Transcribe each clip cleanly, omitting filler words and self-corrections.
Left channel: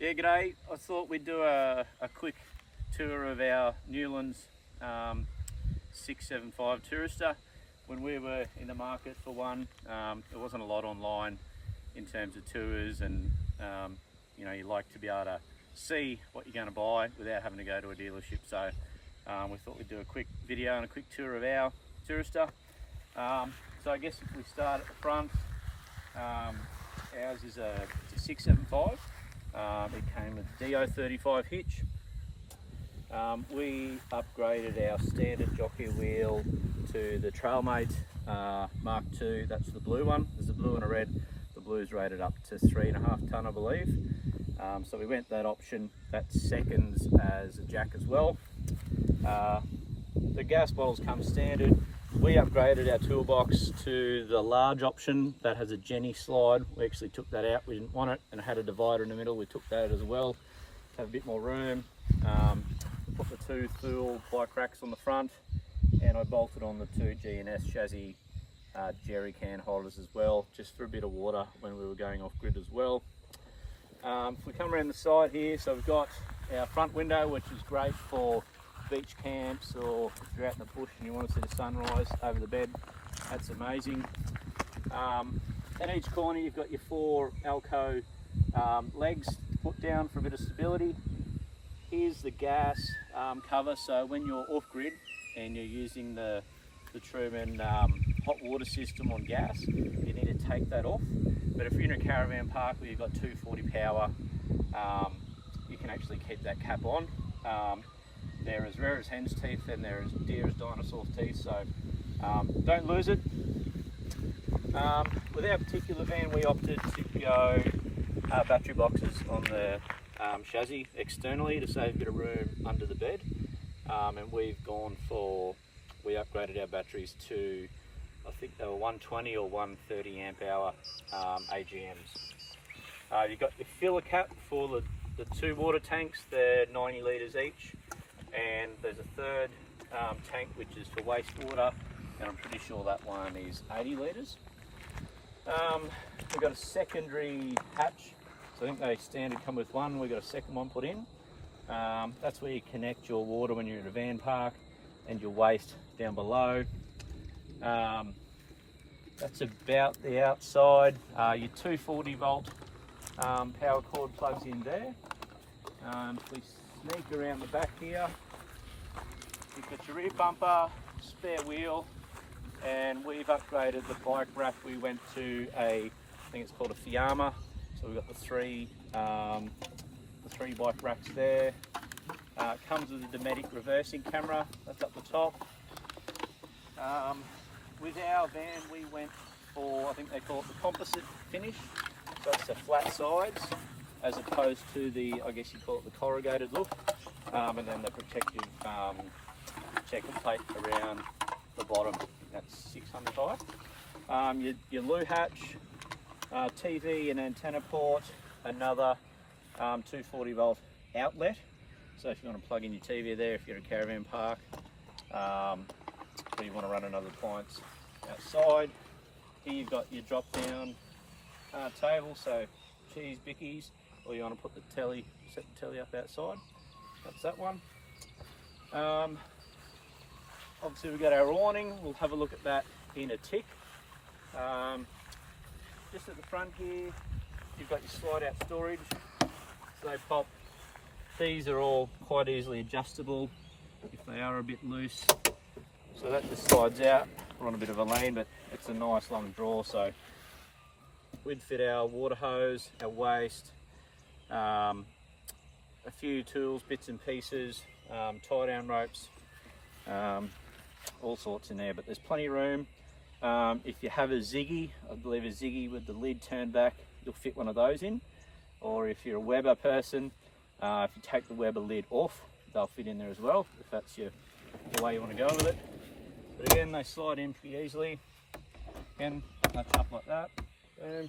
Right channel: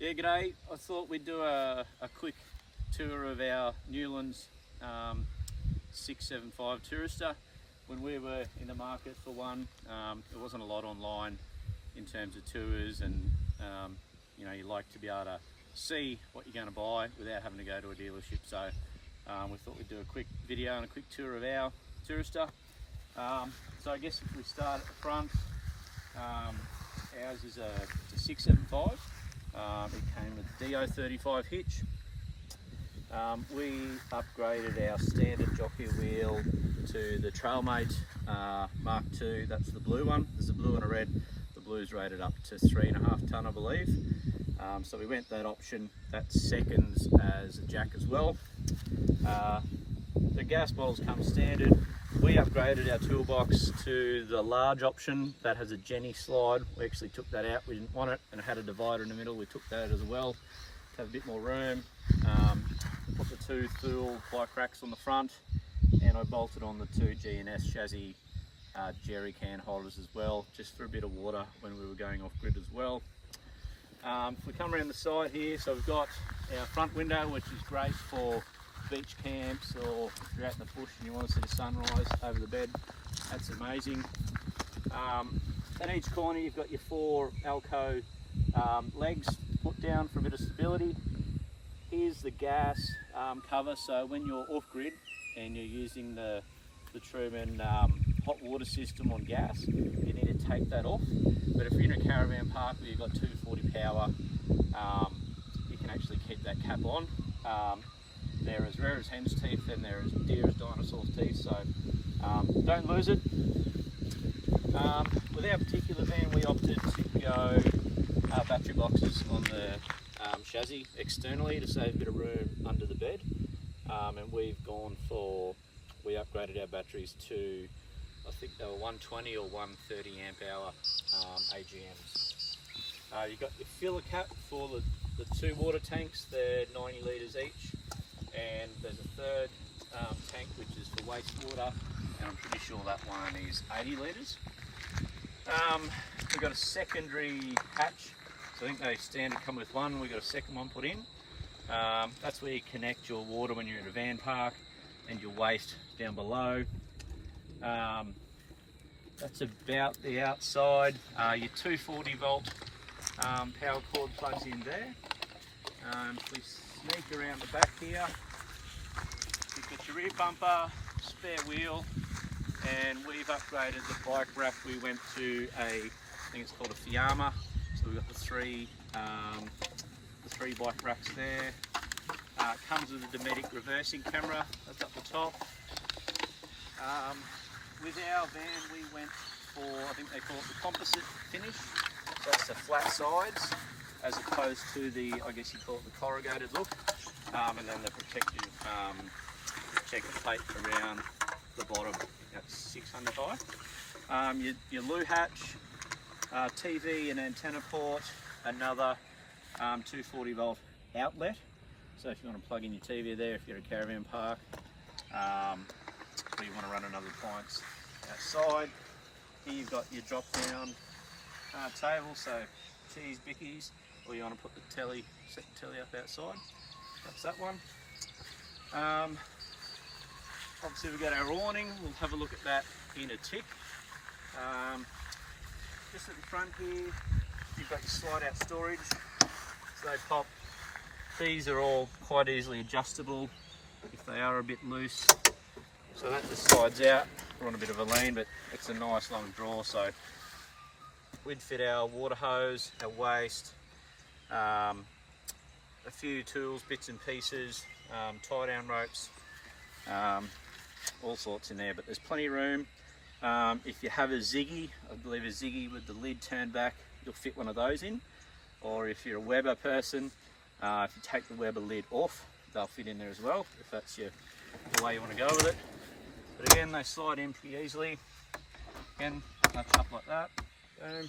Yeah, g'day. I thought we'd do a quick tour of our Newlands 675 Tourister. When we were in the market for one, there wasn't a lot online in terms of tours, and you know, you like to be able to see what you're going to buy without having to go to a dealership. So we thought we'd do a quick video and a quick tour of our Tourister. So I guess if we start at the front, ours is a 675. It came with DO35 hitch. We upgraded our standard jockey wheel to the Trailmate Mark II. That's the blue one. There's a blue and a red. The blue's rated up to 3.5 tonne, I believe. So we went that option. That's seconds as a jack as well. The gas bottles come standard. We upgraded our toolbox to the large option that has a Jenny slide. We actually took that out. We didn't want it, and it had a divider in the middle. We took that as well to have a bit more room. Put the two Thule bike racks on the front, and I bolted on the two G&S chassis jerry can holders as well, just for a bit of water when we were going off grid as well. If we come around the side here, so we've got our front window, which is great for beach camps, or if you're out in the bush and you want to see the sunrise over the bed. That's amazing. At each corner you've got your four Alco legs put down for a bit of stability. Here's the gas cover, so when you're off grid and you're using the Truman hot water system on gas, you need to take that off. But if you're in a caravan park where you've got 240 power, you can actually keep that cap on. They're as rare as hen's teeth, and they're as dear as dinosaur's teeth, so don't lose it. With our particular van, we opted to go battery boxes on the chassis externally to save a bit of room under the bed, and we upgraded our batteries to, I think they were 120 or 130 amp hour AGMs. You've got your filler cap for the two water tanks. They're 90 litres each. And there's a third tank which is for wastewater, and I'm pretty sure that one is 80 litres. We've got a secondary hatch, so I think they standard come with one. We've got a second one put in. That's where you connect your water when you're in a van park, and your waste down below. That's about the outside. Your 240 volt power cord plugs in there. If we sneak around the back here, you've got your rear bumper, spare wheel, and we've upgraded the bike rack. We went to I think it's called a Fiamma, so we've got the three bike racks there. It comes with a Dometic reversing camera, that's up the top. With our van we went for, I think they call it the composite finish, so that's the flat sides, as opposed to the, I guess you call it the corrugated look, and then the protective plate around the bottom. That's 600 high. Your loo hatch, TV and antenna port, another 240 volt outlet. So if you want to plug in your TV there, if you're at a caravan park, or you want to run another appliance outside. Here you've got your drop down table, so cheese bickies, or you want to put the telly, set the telly up outside. That's that one. Obviously we've got our awning. We'll have a look at that in a tick. Just at the front here, you've got your slide out storage. So they pop. These are all quite easily adjustable if they are a bit loose. So that just slides out. We're on a bit of a lean, but it's a nice long draw. So we'd fit our water hose, our waste, a few tools, bits and pieces, tie down ropes, all sorts in there, but there's plenty of room. If you have a Ziggy, I believe a Ziggy with the lid turned back, you'll fit one of those in. Or if you're a Weber person, if you take the Weber lid off, they'll fit in there as well, if that's the way you want to go with it. But again, they slide in pretty easily. Again, notch up like that. Boom.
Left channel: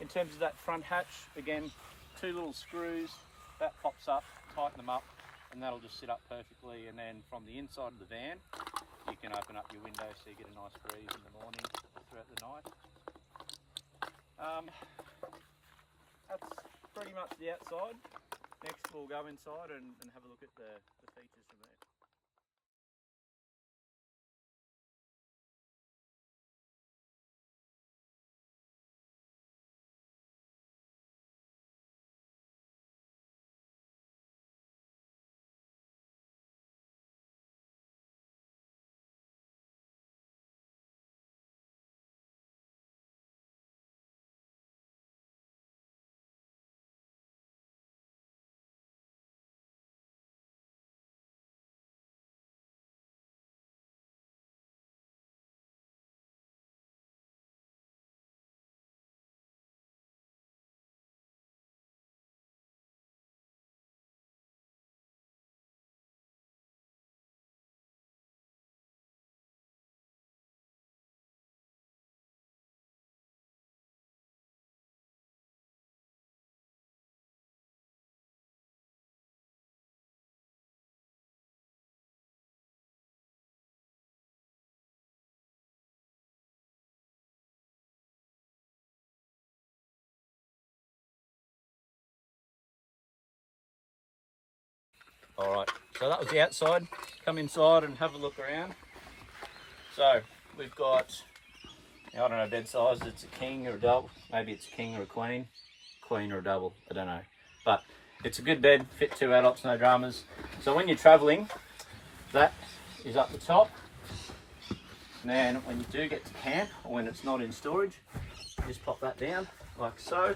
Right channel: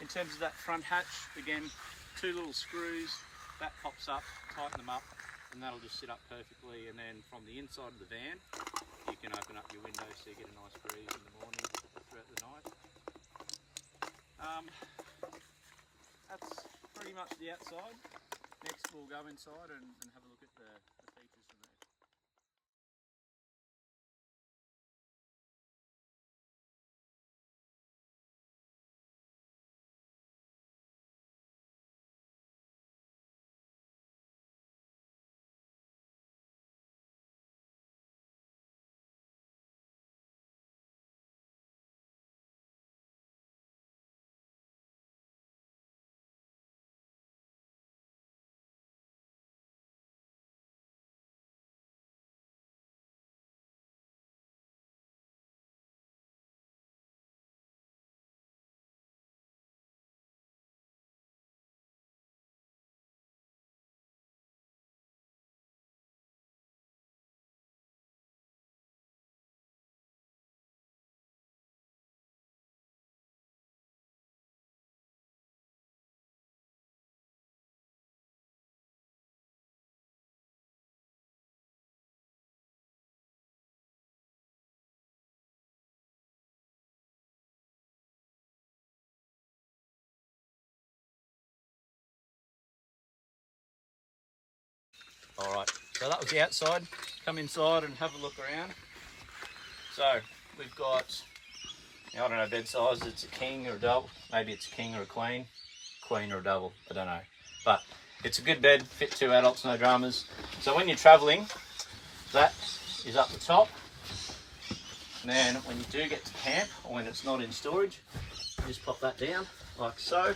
In terms of that front hatch, again, two little screws, that pops up, tighten them up, and that'll just sit up perfectly. And then from the inside of the van, you can open up your window so you get a nice breeze in the morning or throughout the night. That's pretty much the outside. Next we'll go inside and have a look at the features from there. Alright, so that was the outside. Come inside and have a look around. So we've got, I don't know bed size, it's a king or a double, maybe it's a king or a queen or a double, I don't know. But it's a good bed, fit 2 adults, no dramas. So when you're travelling, that is up the top. And then when you do get to camp, or when it's not in storage, you just pop that down like so.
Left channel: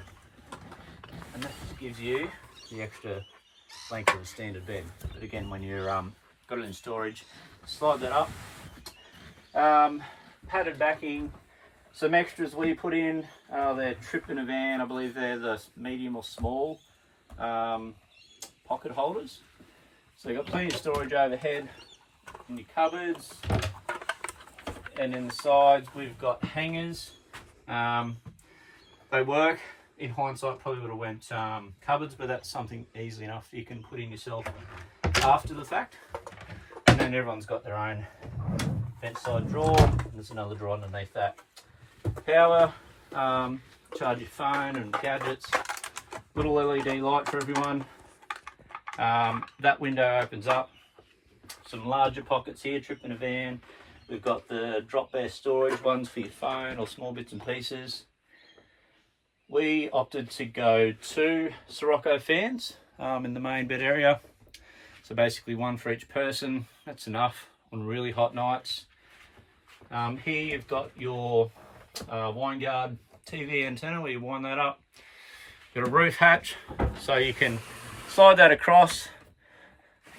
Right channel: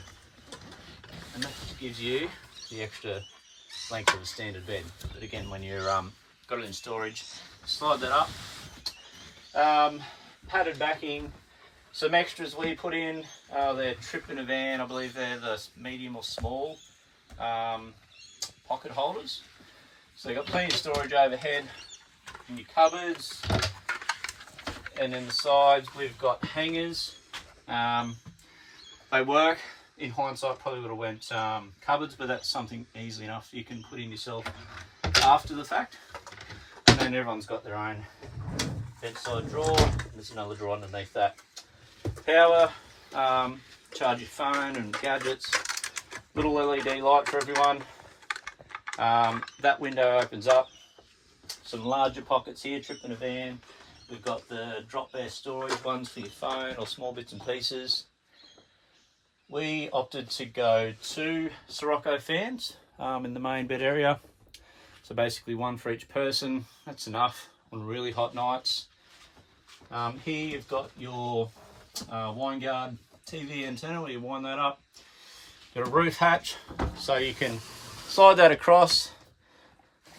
And that just gives you the extra length of a standard bed. But again, when you're got it in storage, slide that up. Padded backing. Some extras we put in, they're trip in a van, I believe they're the medium or small pocket holders. So you've got plenty of storage overhead in your cupboards, and in the sides we've got hangers. They work. In hindsight, probably would have went cupboards, but that's something easily enough you can put in yourself after the fact. And then everyone's got their own bedside drawer, and there's another drawer underneath that. Power, charge your phone and gadgets, little LED light for everyone. That window opens up. Some larger pockets here, trip in a van. We've got the drop bear storage ones for your phone or small bits and pieces. We opted to go 2 Sirocco fans in the main bed area. So basically 1 for each person. That's enough on really hot nights. Here you've got your wine guard TV antenna where you wind that up. Got a roof hatch so you can slide that across.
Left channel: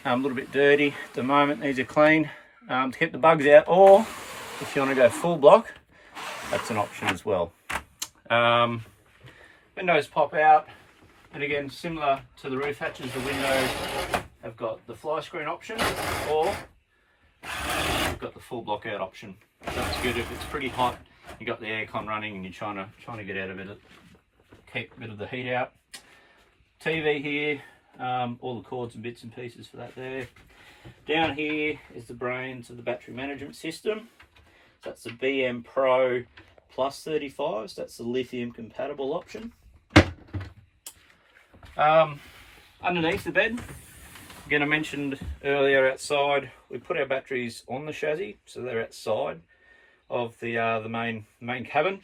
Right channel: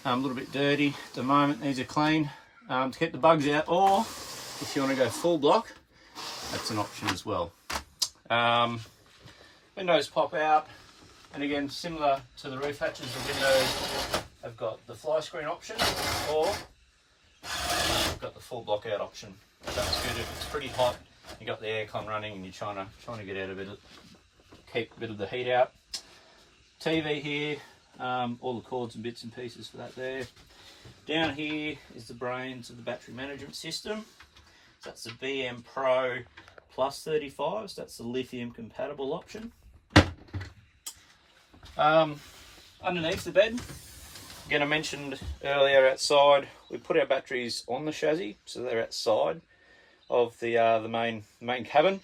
A little bit dirty at the moment, these are clean to get the bugs out, or if you want to go full block, that's an option as well. Windows pop out, and again, similar to the roof hatches, the windows have got the fly screen option, or you've got the full block out option. That's good if it's pretty hot, you've got the aircon running and you're trying to get out a bit of, keep a bit of the heat out. TV here, all the cords and bits and pieces for that there. Down here is the brains of the battery management system. So that's the BM Pro Plus 35, so that's the lithium compatible option. Underneath the bed, again I mentioned earlier outside, we put our batteries on the chassis, so they're outside of the main cabin.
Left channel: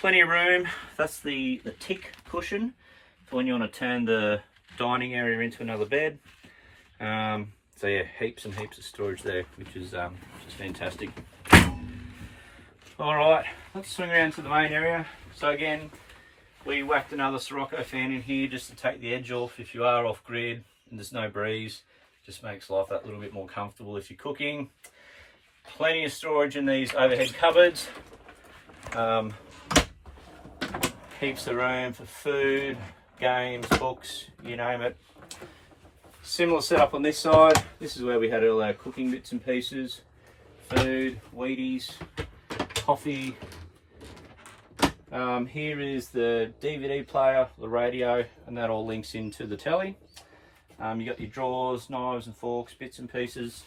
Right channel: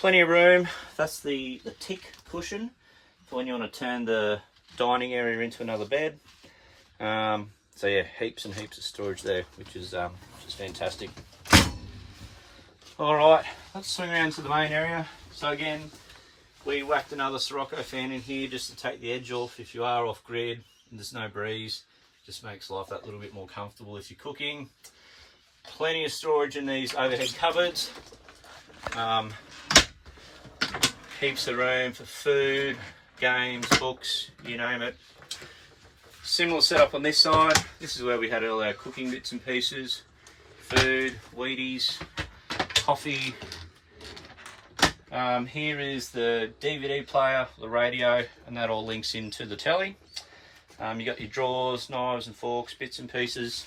Plenty of room. That's the tick cushion for when you want to turn the dining area into another bed. So yeah, heaps and heaps of storage there, which is fantastic. All right, let's swing around to the main area. So again, we whacked another Sirocco fan in here just to take the edge off if you are off grid and there's no breeze. Just makes life that little bit more comfortable if you're cooking. Plenty of storage in these overhead cupboards. Heaps of room for food, games, books, you name it. Similar setup on this side. This is where we had all our cooking bits and pieces. Food, Wheaties, coffee. Here is the DVD player, the radio, and that all links into the telly. You got your drawers, knives and forks, bits and pieces.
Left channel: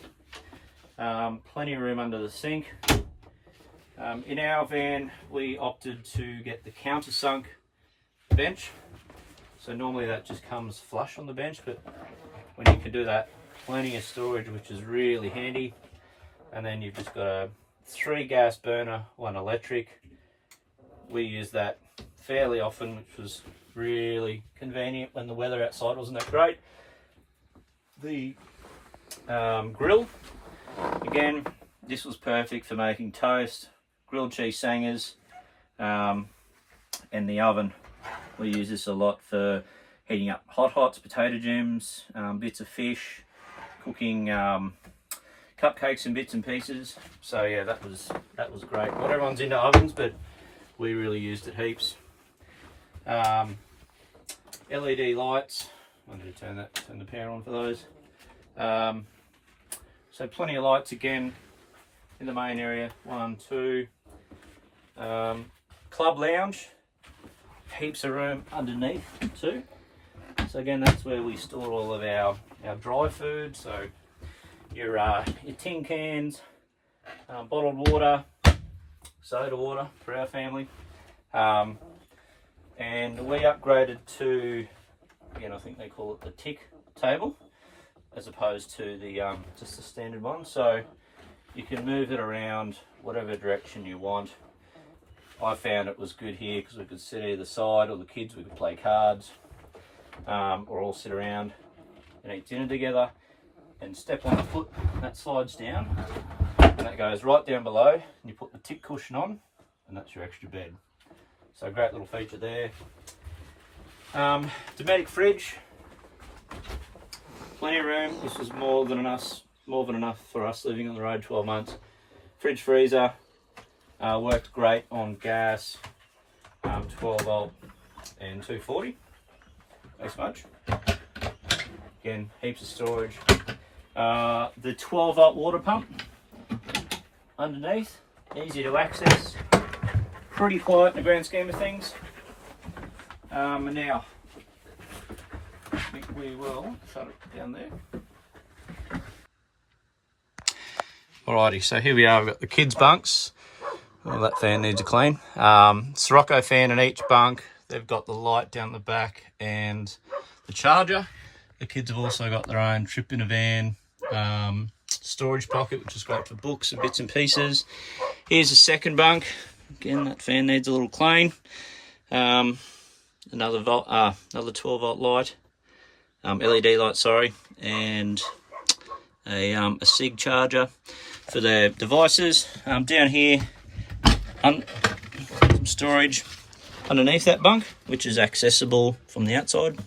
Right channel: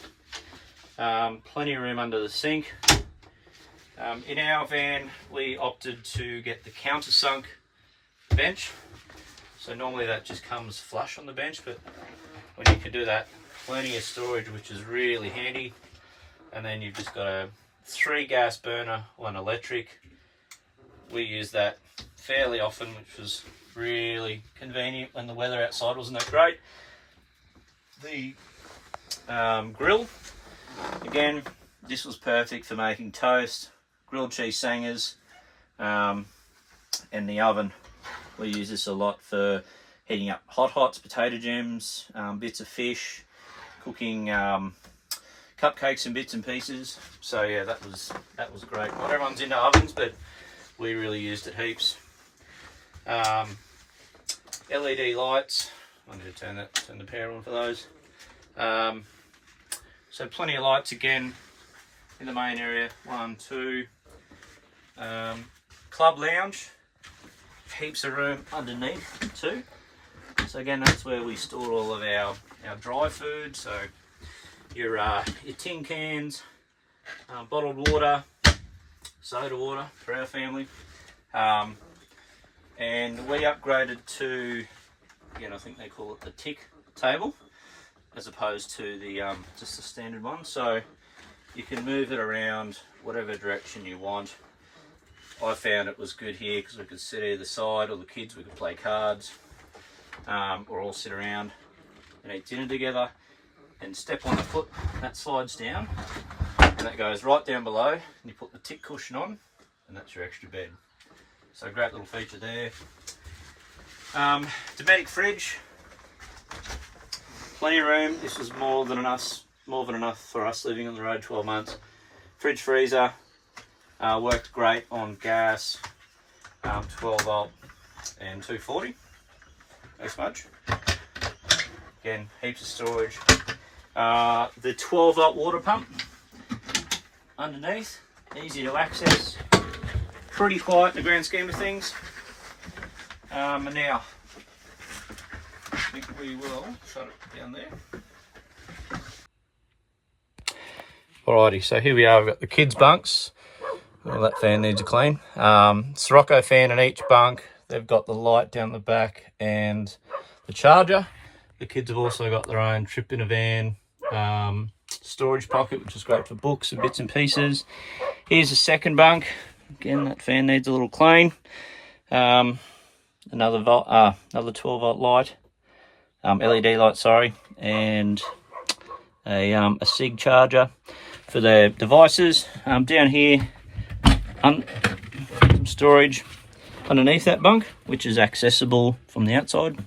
Plenty of room under the sink. In our van, we opted to get the countersunk bench. So normally that just comes flush on the bench, but when you can do that, plenty of storage, which is really handy. And then you've just got a 3 gas burner, 1 electric. We use that fairly often, which was really convenient when the weather outside wasn't that great. The grill, again, this was perfect for making toast, grilled cheese sangers, and the oven. We use this a lot for heating up hot hots, potato gems, bits of fish, cooking cupcakes and bits and pieces. So yeah, that was great. Not everyone's into ovens, but we really used it heaps. LED lights. I need to turn the power on for those. So plenty of lights again in the main area. 1, 2. Club lounge. Heaps of room underneath too. So again, that's where we store all of our dry food. So your tin cans, bottled water, soda water for our family. And we upgraded to, again, I think they call it the tick table, as opposed to the just the standard one. So you can move it around whatever direction you want. I found it was good here because we could sit either side, or the kids, we could play cards, or all sit around and eat dinner together, and step on the foot, that slides down, and that goes right down below, and you put the tick cushion on, and that's your extra bed. So great little feature there. Dometic fridge, plenty of room. This was more than enough for us living on the road 12 months. Fridge freezer, worked great on gas, 12 volt and 240. No smudge. Again, heaps of storage. The 12 volt water pump underneath, easy to access. Pretty quiet in the grand scheme of things. And now, I think we will shut it down there. Alrighty, so here we are. We've got the kids' bunks. Well, that fan needs a clean. Sirocco fan in each bunk. They've got the light down the back and the charger. The kids have also got their own trip in a van storage pocket, which is great for books and bits and pieces. Here's the second bunk. Again, that fan needs a little clean. Another 12 volt light, LED light, sorry, and a SIG charger for the devices. Down here, some storage underneath that bunk, which is accessible from the outside.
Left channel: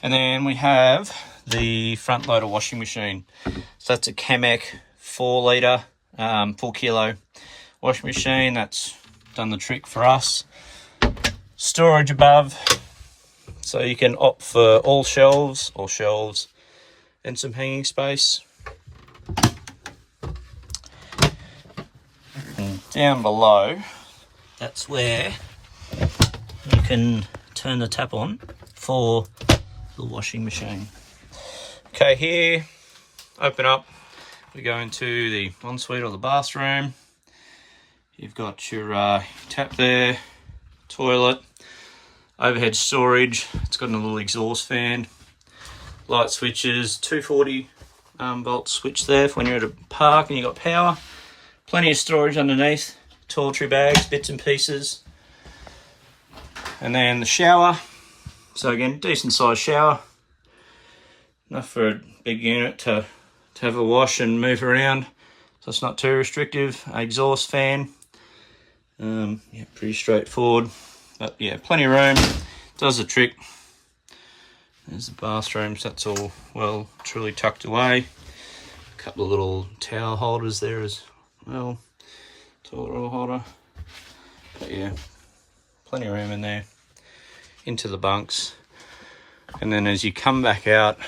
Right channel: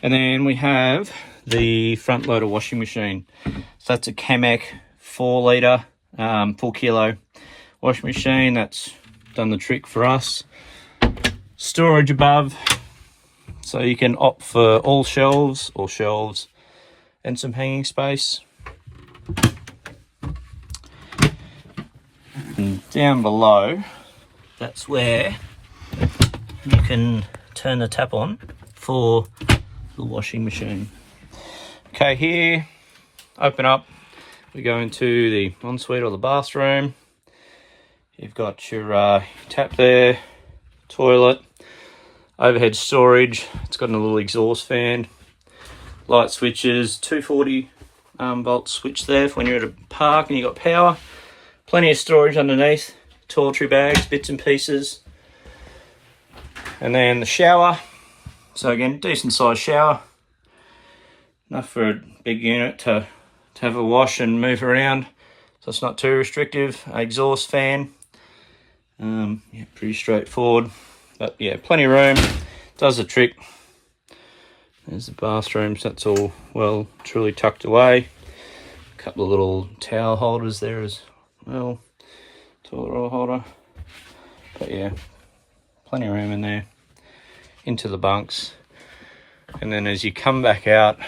And then we have the front loader washing machine. So that's a Kamek 4 litre, 4 kilo washing machine. That's done the trick for us. Storage above, so you can opt for all shelves or shelves and some hanging space. And down below, that's where you can turn the tap on for the washing machine. Okay, here, open up, we go into the ensuite or the bathroom. You've got your tap there, toilet, overhead storage. It's got a little exhaust fan, light switches, 240 volt switch there for when you're at a park and you've got power. Plenty of storage underneath, toiletry bags, bits and pieces. And then the shower. So again, decent sized shower. Enough for a big unit to have a wash and move around. So it's not too restrictive. Exhaust fan. Yeah, pretty straightforward. But yeah, plenty of room. Does the trick. There's the bathrooms. That's all well truly tucked away. A couple of little towel holders there as well. Toilet roll holder. But yeah, plenty of room in there. Into the bunks. And then as you come back out,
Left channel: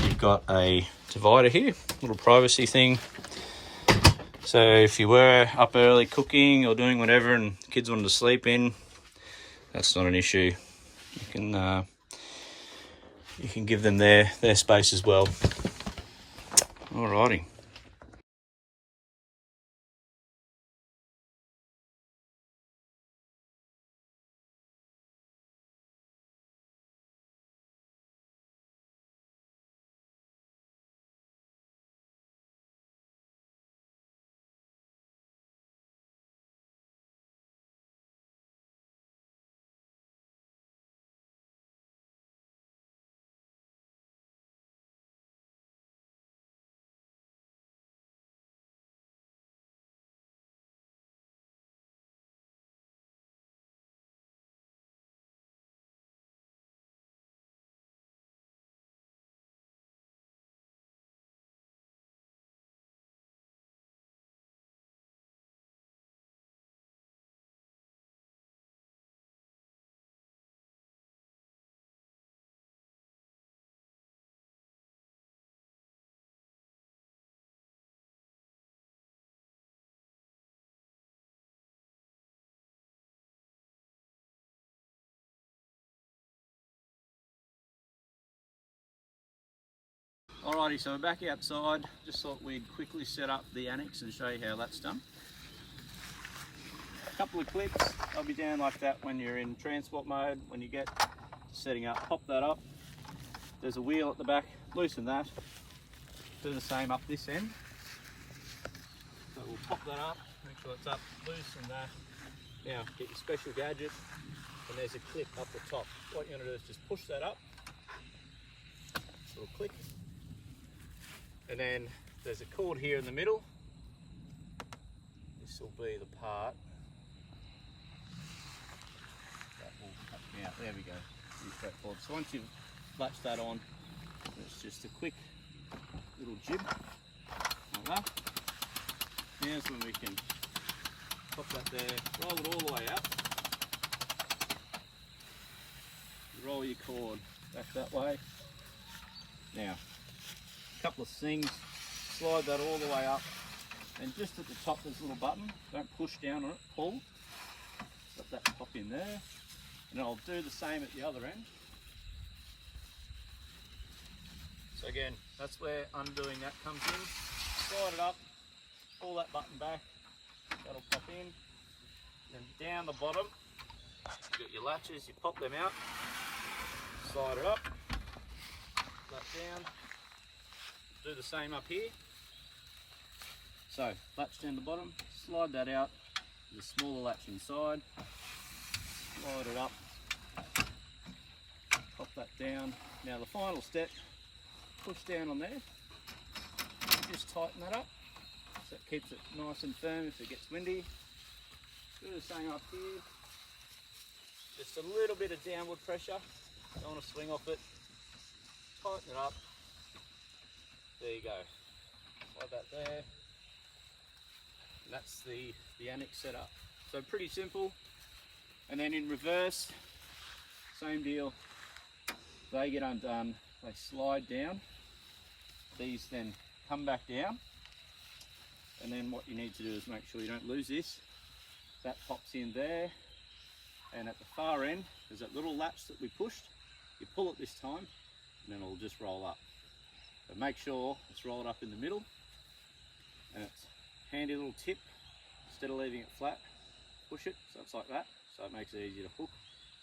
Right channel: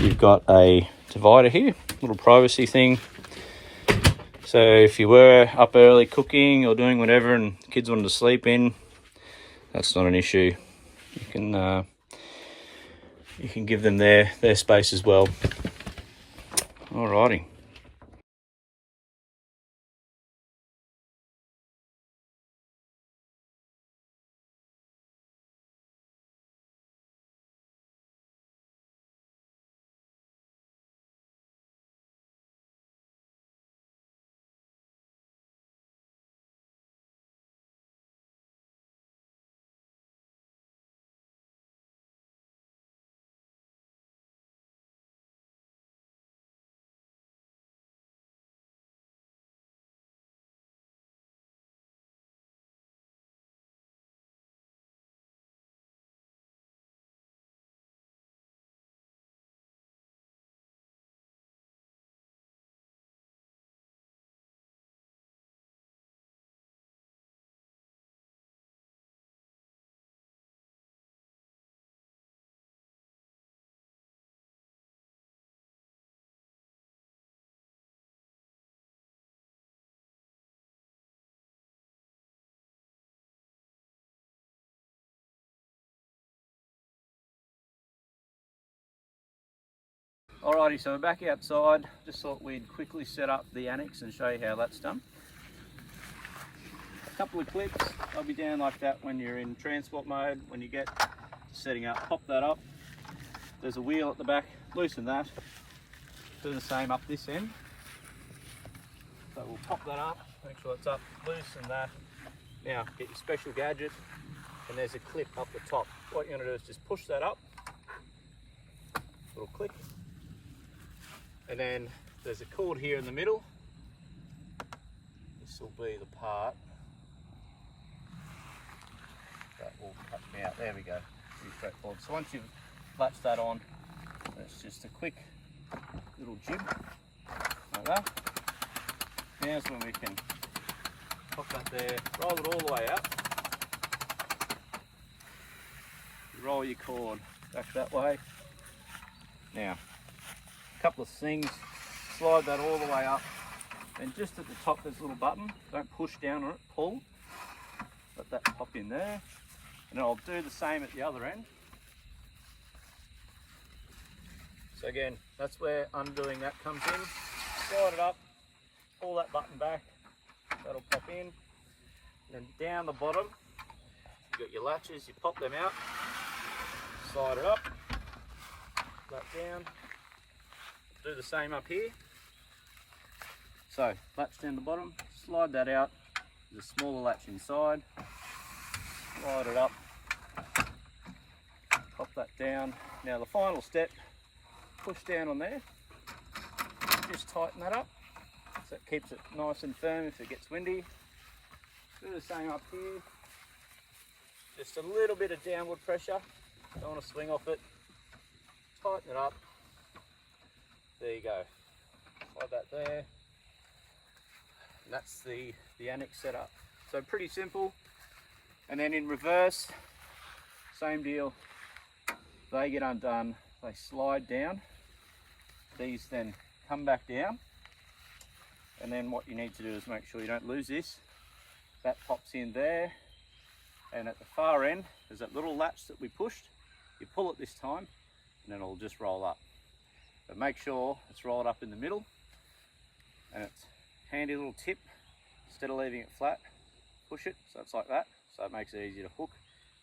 you've got a divider here. Little privacy thing. So if you were up early cooking or doing whatever and the kids wanted to sleep in, that's not an issue. You can give them their space as well. Alrighty. Alrighty, so we're back outside. Just thought we'd quickly set up the annex and show you how that's done. A couple of clips, they'll be down like that when you're in transport mode. When you get to setting up, pop that up. There's a wheel at the back, loosen that. Do the same up this end. So we'll pop that up, make sure it's up, loosen that. Now get your special gadget, and there's a clip up the top. What you're going to do is just push that up, little click, and then there's a cord here in the middle. This will be the part that will cut me out. There we go, pretty straightforward. So once you've latched that on, it's just a quick little jib like that. Now's when we can pop that there, roll it all the way out. Roll your cord back that way. Now, a couple of things, slide that all the way up, and just at the top there's a little button. Don't push down on it, pull. Let that pop in there, and I'll do the same at the other end. So again, that's where undoing that comes in. Slide it up, pull that button back, that'll pop in. And then down the bottom, you've got your latches, you pop them out, slide it up, that down. Do the same up here. So, latch down the bottom, slide that out, there's a smaller latch inside, slide it up, pop that down. Now the final step, push down on there, just tighten that up so it keeps it nice and firm if it gets windy. Do the same up here, just a little bit of downward pressure, don't want to swing off it, tighten it up, there you go, slide that there, and that's the annex setup. So pretty simple. And then in reverse, same deal, they get undone, they slide down, these then come back down, and then what you need to do is make sure you don't lose this. That pops in there, and at the far end there's that little latch that we pushed. You pull it this time and then it'll just roll up, but make sure it's rolled up in the middle, and it's a handy little tip. Instead of leaving it flat, push it so it's like that, so it makes it easier to hook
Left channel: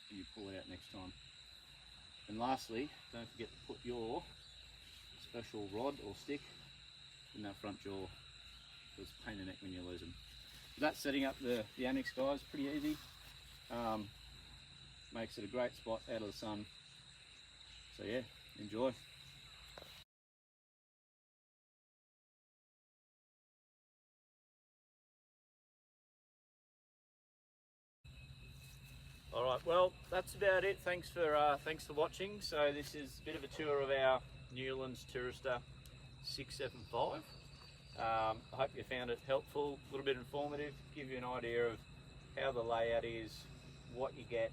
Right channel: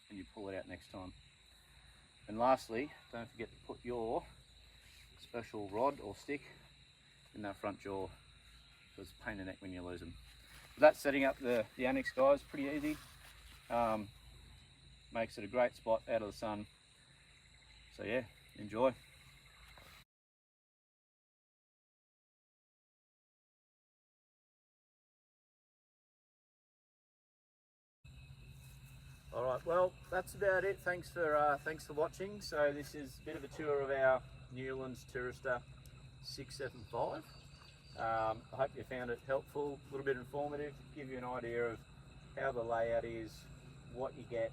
and you pull it out next time. And lastly, don't forget to put your special rod or stick in that front jaw, because it's a pain in the neck when you lose them. So that's setting up the annex, guys, pretty easy. Makes it a great spot out of the sun. So yeah, enjoy. All right, well, that's about it. Thanks for watching. So this is a bit of a tour of our Newlands Tourister 675. I hope you found it helpful, a little bit informative, give you an idea of how the layout is, what you get,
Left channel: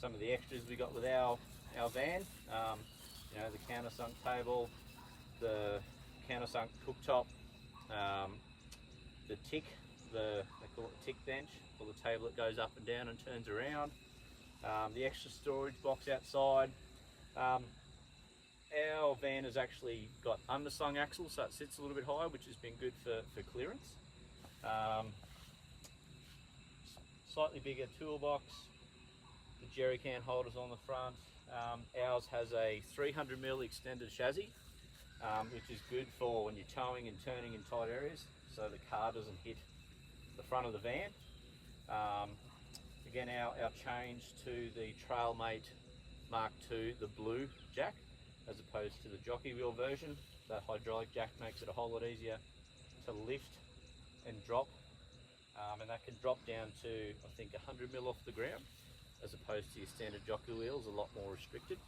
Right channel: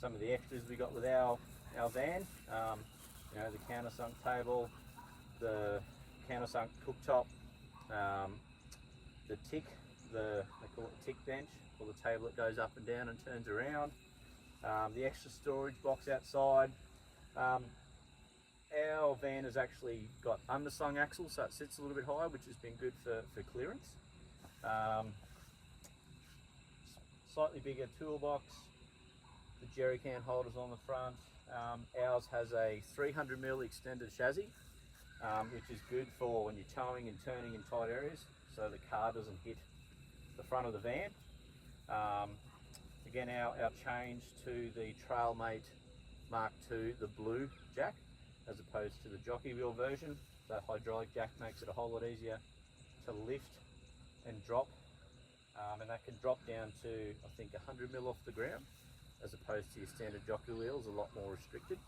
some of the extras we got with our van. You know, the countersunk table, the countersunk cooktop, the tick, they call it the tick bench, or the table that goes up and down and turns around, the extra storage box outside. Our van has actually got underslung axles, so it sits a little bit higher, which has been good for clearance. Slightly bigger toolbox, the jerry can holders on the front. Ours has a 300mm extended chassis, which is good for when you're towing and turning in tight areas, so the car doesn't hit the front of the van. Again, our change to the Trailmate Mark II, the blue jack, as opposed to the jockey wheel version. The hydraulic jack makes it a whole lot easier to lift and drop, and that can drop down to, I think, 100mm off the ground, as opposed to your standard jockey wheels, a lot more restricted.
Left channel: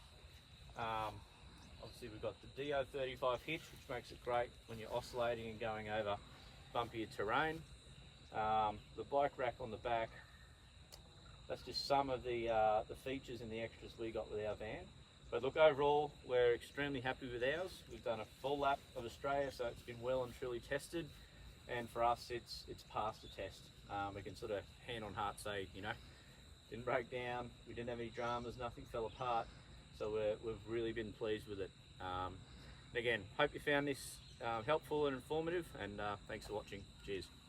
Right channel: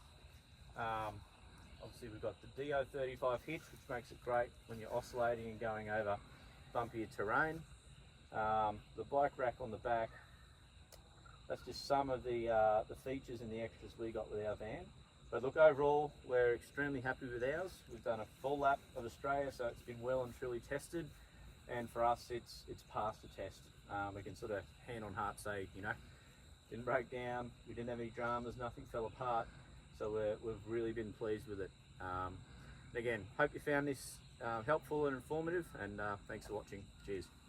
Obviously we've got the DO35 hitch, which makes it great when you're oscillating and going over bumpier terrain. The bike rack on the back, that's just some of the features and the extras we got with our van. But look, overall, we're extremely happy with ours. We've done a full lap of Australia, so it's been well and truly tested. And for us, it's passed the test. We can sort of hand on heart say, you know, didn't break down, we didn't have any dramas, nothing fell apart. So we've really been pleased with it. And again, hope you found this helpful and informative, and thanks for watching. Cheers.